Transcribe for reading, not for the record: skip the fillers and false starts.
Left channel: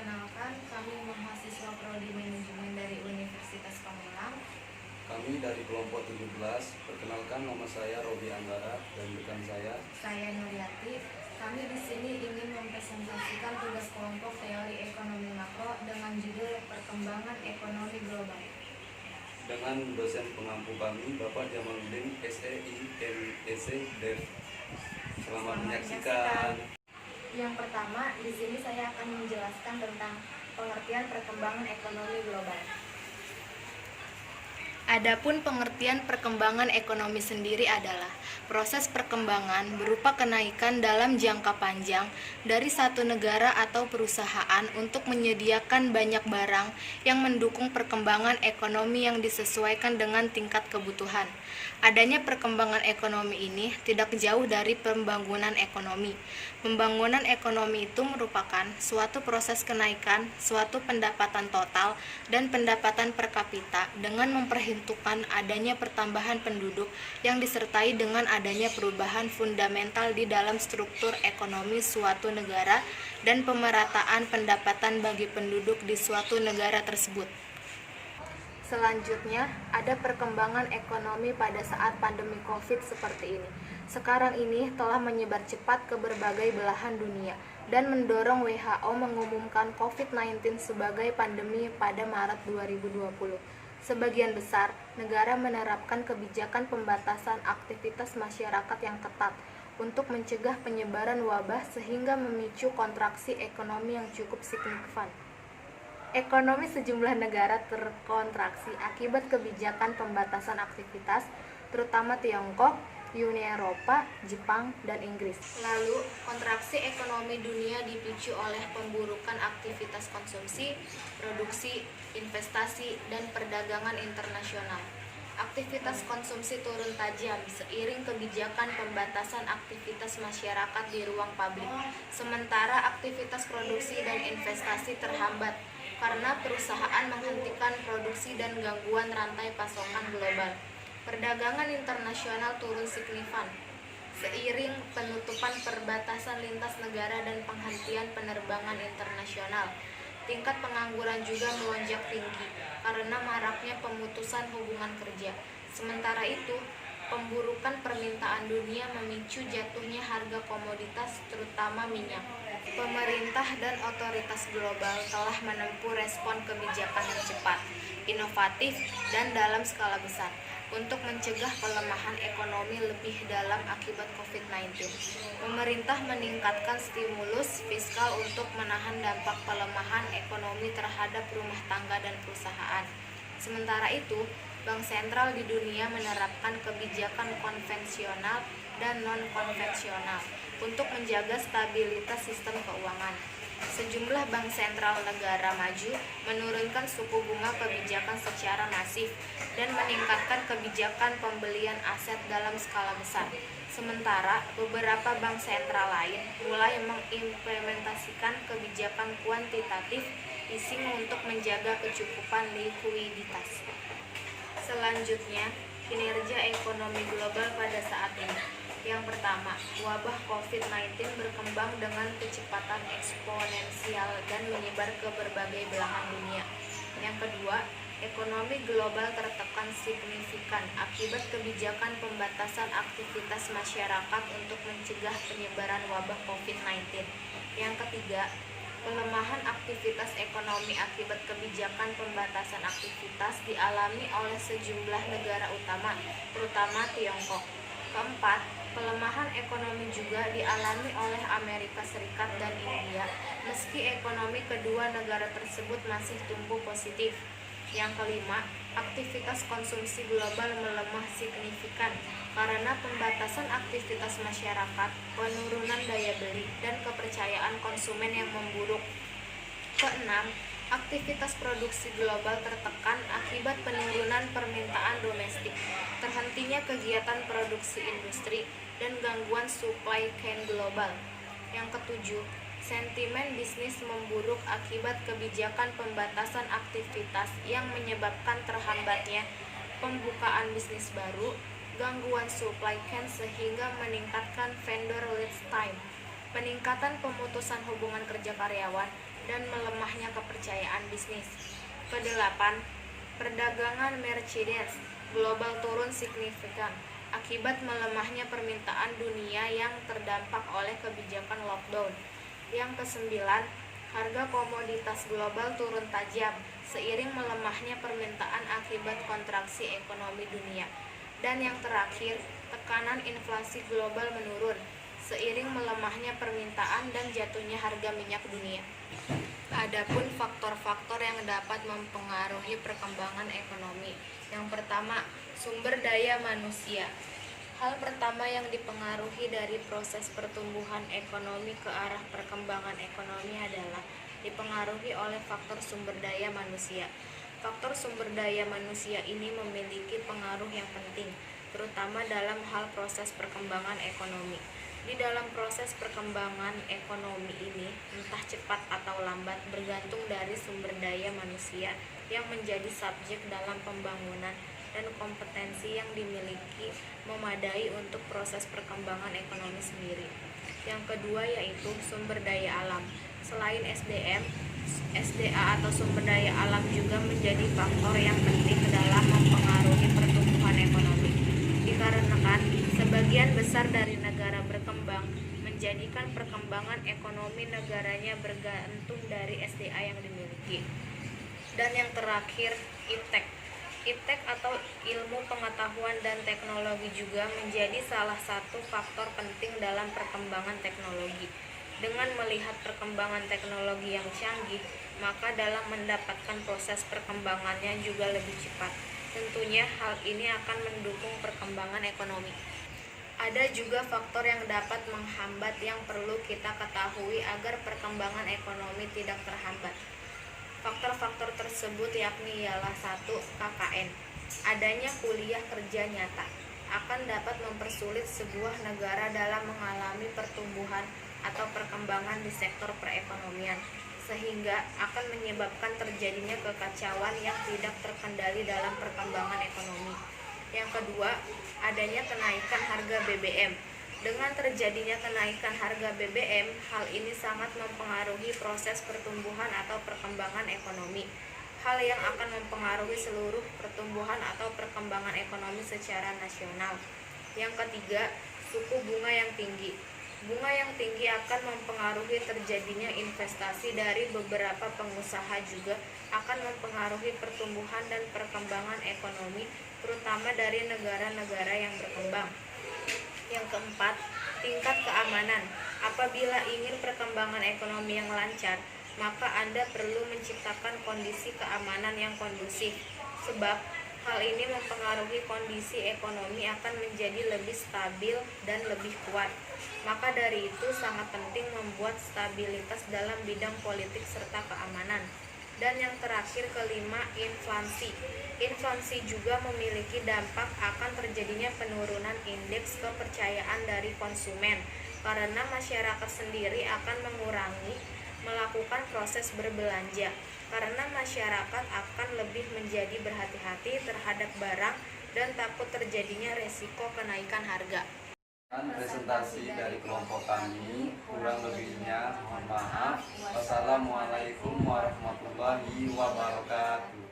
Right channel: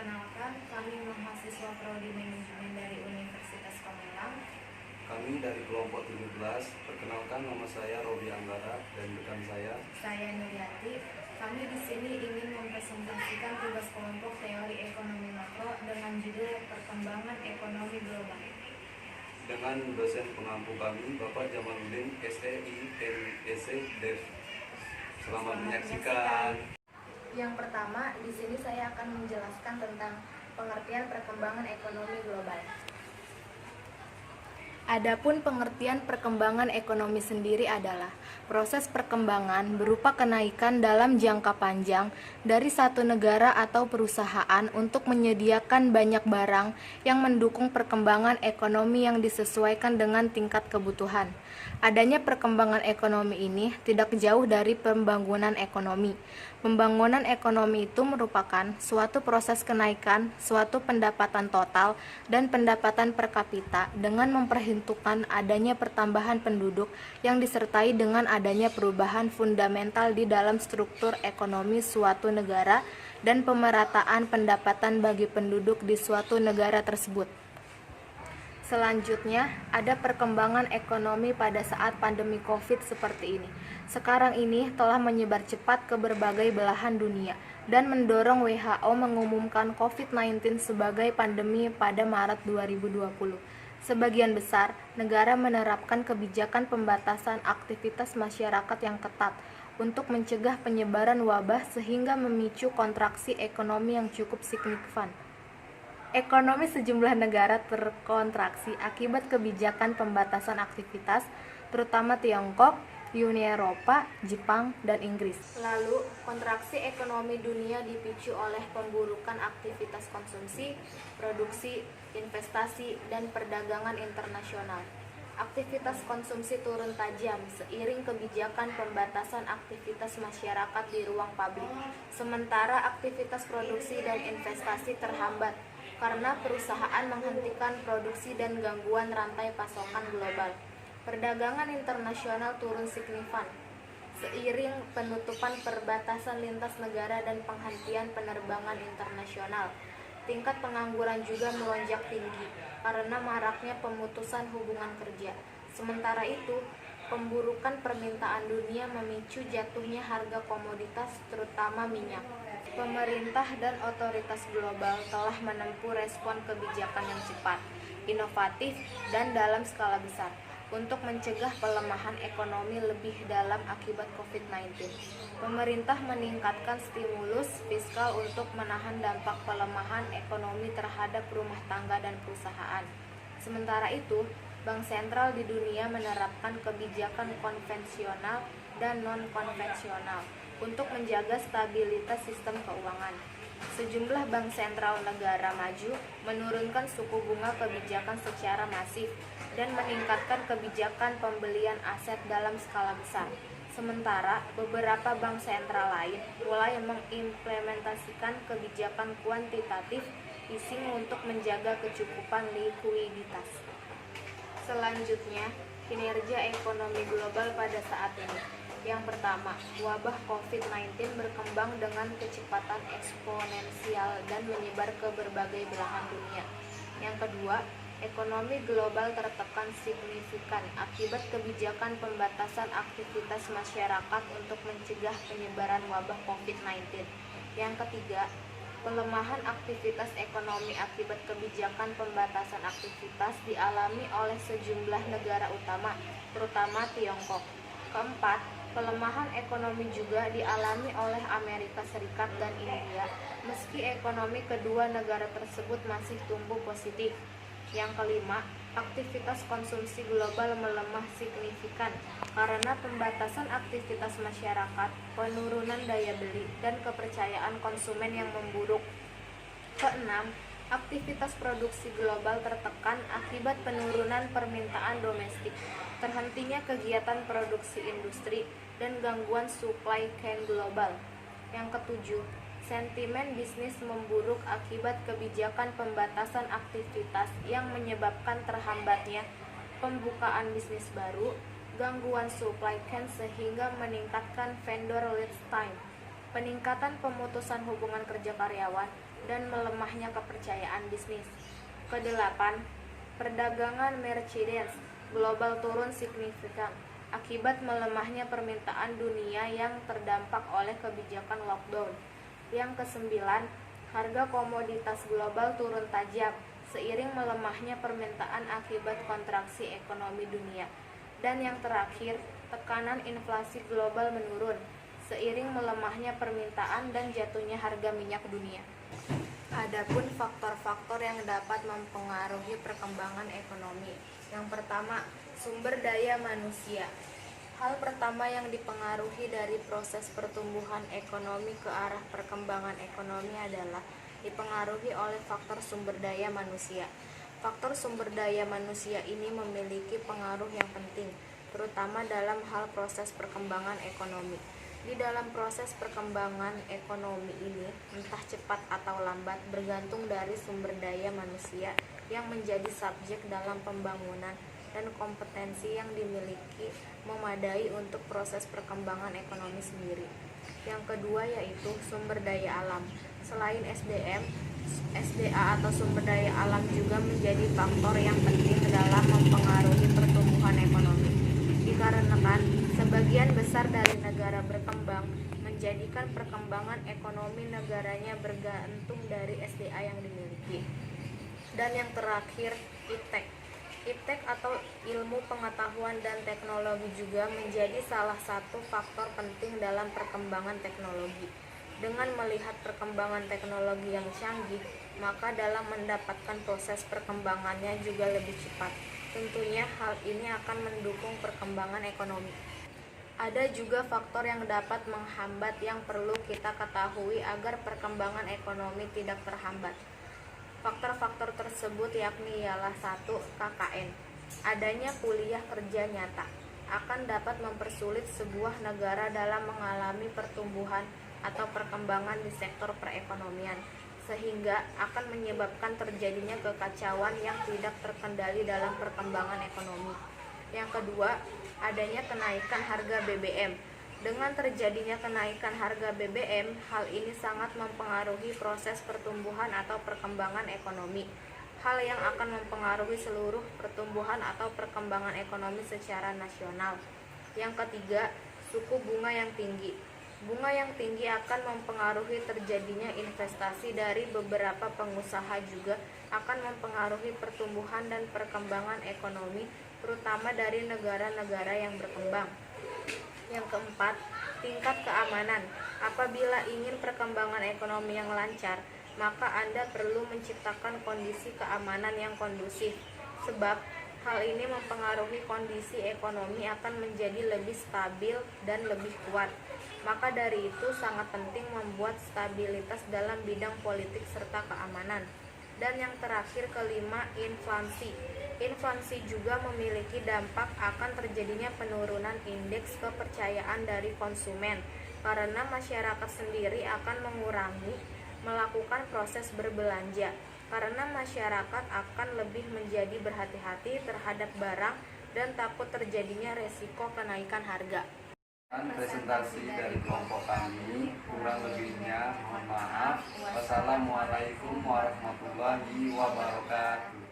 Perkenalkan, kami mahasiswa Prodi Manajemen dari Universitas Pamulang. Kami dari kelompok 17. Perkenalkan, nama saya Robi Anggara dan rekan Saya Nuryati. Kami di sini ingin mempresentasikan tugas kelompok teori ekonomi makro dengan judul Perkembangan Ekonomi Global. dengan dosen pengampu kami, Bapak Jamaluddin SEI MEC Dev. Selamat menyaksikan. Yang pertama, di sini saya akan menjelaskan tentang pengertian perkembangan ekonomi global. Adapun pengertian perkembangan ekonomi sendiri adalah proses perkembangan berupa kenaikan dalam jangka panjang dari satu negara atau perusahaan untuk menyediakan banyak barang yang mendukung perkembangan ekonomi yang disesuaikan dengan tingkat kebutuhan. Adanya perkembangan ekonomi ini tidak jauh dari pembangunan ekonomi. Pembangunan ekonomi itu merupakan suatu proses kenaikan suatu pendapatan total dan pendapatan per kapita dengan memperhitungkan adanya pertambahan penduduk yang disertai dengan adanya perubahan fundamental di dalam struktur ekonomi suatu negara dan pemerataan pendapatan bagi penduduk di suatu negara tersebut. Selanjutnya, ada perkembangan ekonomi pada saat pandemi COVID seperti ini. Sekarang ini telah menyebar cepat ke berbagai belahan dunia dan mendorong WHO mengumumkan COVID-19 sebagai pandemi pada Maret 2020. Sebagian besar negara menerapkan kebijakan pembatasan aktivitas masyarakat yang ketat untuk mencegah penyebaran wabah sehingga memicu kontraksi ekonomi yang cukup signifikan. Ekonomi sejumlah negara terkontraksi akibat kebijakan pembatasan aktivitas, terutama Tiongkok, Uni Eropa, Jepang, dan Inggris. Lalu, kontraksi ekonomi dunia dipicu oleh pemburukan aktivitas konsumsi, produksi, investasi, dan perdagangan internasional. Aktivitas konsumsi turun tajam seiring kebijakan pembatasan aktivitas masyarakat di ruang publik, sementara aktivitas produksi dan investasi terhambat karena perusahaan menghentikan produksi dan gangguan rantai pasokan global. Perdagangan internasional turun signifikan seiring penutupan perbatasan lintas negara dan penghentian penerbangan internasional. Tingkat pengangguran juga melonjak tinggi karena maraknya pemutusan hubungan kerja. Sementara itu, pemburukan permintaan dunia memicu jatuhnya harga komoditas terutama minyak. Pemerintah dan otoritas global telah menempuh respon kebijakan yang cepat, inovatif, dan dalam skala besar untuk mencegah pelemahan ekonomi lebih dalam akibat COVID-19. Pemerintah meningkatkan stimulus fiskal untuk menahan dampak pelemahan ekonomi terhadap rumah tangga dan perusahaan. Sementara itu, bank sentral di dunia menerapkan kebijakan konvensional dan non-konvensional untuk menjaga stabilitas sistem keuangan. Sejumlah bank sentral negara maju menurunkan suku bunga kebijakan secara masif dan meningkatkan kebijakan pembelian aset dalam skala besar. Sementara beberapa bank sentral lain mulai mengimplementasikan kebijakan kuantitatif easing untuk menjaga kecukupan likuiditas. Selanjutnya, kinerja ekonomi global pada saat ini. Yang pertama, wabah COVID-19 berkembang dengan kecepatan eksponensial dan menyebar ke berbagai belahan dunia. Yang kedua, ekonomi global tertekan signifikan akibat kebijakan pembatasan aktivitas masyarakat untuk mencegah penyebaran wabah COVID-19. Yang ketiga, pelemahan aktivitas ekonomi akibat kebijakan pembatasan aktivitas dialami oleh sejumlah negara utama, terutama Tiongkok. Keempat, pelemahan ekonomi juga dialami oleh Amerika Serikat dan India, meski ekonomi kedua negara tersebut masih tumbuh positif. Yang kelima, aktivitas konsumsi global melemah signifikan karena pembatasan aktivitas masyarakat, penurunan daya beli, dan kepercayaan konsumen yang memburuk. Keenam, aktivitas produksi global tertekan akibat penurunan permintaan domestik, terhentinya kegiatan produksi industri, dan gangguan supply chain global. Yang ketujuh, sentimen bisnis memburuk akibat kebijakan pembatasan aktivitas yang menyebabkan terhambatnya pembukaan bisnis baru, gangguan supply chain sehingga meningkatkan vendor lead time, peningkatan pemutusan hubungan kerja karyawan, dan melemahnya kepercayaan bisnis. Kedelapan, perdagangan Mercedes global turun signifikan akibat melemahnya permintaan dunia yang terdampak oleh kebijakan lockdown. Yang kesembilan, harga komoditas global turun tajam seiring melemahnya permintaan akibat kontraksi ekonomi dunia. Dan yang terakhir, tekanan inflasi global menurun seiring melemahnya permintaan dan jatuhnya harga minyak dunia. Adapun faktor-faktor yang dapat mempengaruhi perkembangan ekonomi. Yang pertama, sumber daya manusia. Hal pertama yang dipengaruhi dari proses pertumbuhan ekonomi ke arah perkembangan ekonomi adalah dipengaruhi oleh faktor sumber daya manusia. Faktor sumber daya manusia ini memiliki pengaruh yang penting, terutama dalam hal proses perkembangan ekonomi. Di dalam proses perkembangan ekonomi ini, entah cepat atau lambat bergantung dari sumber daya manusia yang menjadi subjek dalam pembangunan dan kompetensi yang dimiliki memadai untuk proses perkembangan ekonomi sendiri. Yang kedua yaitu sumber daya alam. Selain SDM, SDA atau sumber daya alam juga menjadi faktor yang penting dalam mempengaruhi pertumbuhan ekonomi. Dikarenakan sebagian besar dari negara berkembang menjadikan perkembangan ekonomi negaranya bergantung dari SDA yang dimiliki. Dan yang terakhir, iptek. Iptek atau ilmu pengetahuan dan teknologi juga menjadi salah satu faktor penting dalam perkembangan teknologi. Dengan melihat perkembangan teknologi yang canggih, maka dalam mendapatkan proses perkembangannya juga lebih cepat. Tentunya hal ini akan mendukung perkembangan ekonomi. Ada juga faktor yang dapat menghambat yang perlu kita ketahui agar perkembangan ekonomi tidak terhambat. Faktor-faktor tersebut yakni ialah 1. KKN. Adanya kuliah kerja nyata akan dapat mempersulit sebuah negara dalam mengalami pertumbuhan atau perkembangan di sektor perekonomian, sehingga akan menyebabkan terjadinya kekacauan yang tidak terkendali dalam perkembangan ekonomi. Yang kedua, adanya kenaikan harga BBM. Dengan terjadinya kenaikan harga BBM, hal ini sangat mempengaruhi proses pertumbuhan atau perkembangan ekonomi. Hal yang akan mempengaruhi seluruh pertumbuhan atau perkembangan ekonomi secara nasional. Yang ketiga, suku bunga yang tinggi. Bunga yang tinggi akan mempengaruhi terjadinya investasi dari beberapa pengusaha, juga akan mempengaruhi pertumbuhan dan perkembangan ekonomi, terutama dari negara-negara yang berkembang. Yang keempat, tingkat keamanan. Apabila ingin perkembangan ekonomi yang lancar, maka Anda perlu menciptakan kondisi keamanan yang kondusif, sebab hal ini mempengaruhi kondisi ekonomi akan menjadi lebih stabil dan lebih kuat. Maka dari itu sangat penting membuat stabilitas dalam bidang politik serta keamanan. Dan yang terakhir, kelima, inflasi. Inflasi juga memiliki dampak akan terjadinya penurunan indeks kepercayaan dari konsumen, karena masyarakat sendiri akan mengurangi melakukan proses berbelanja, karena masyarakat akan lebih menjadi berhati-hati terhadap barang dan takut terjadinya resiko kenaikan harga. Presentasi dari kelompok kami, kurang lebihnya mohon maaf. Wassalamualaikum warahmatullahi wabarakatuh.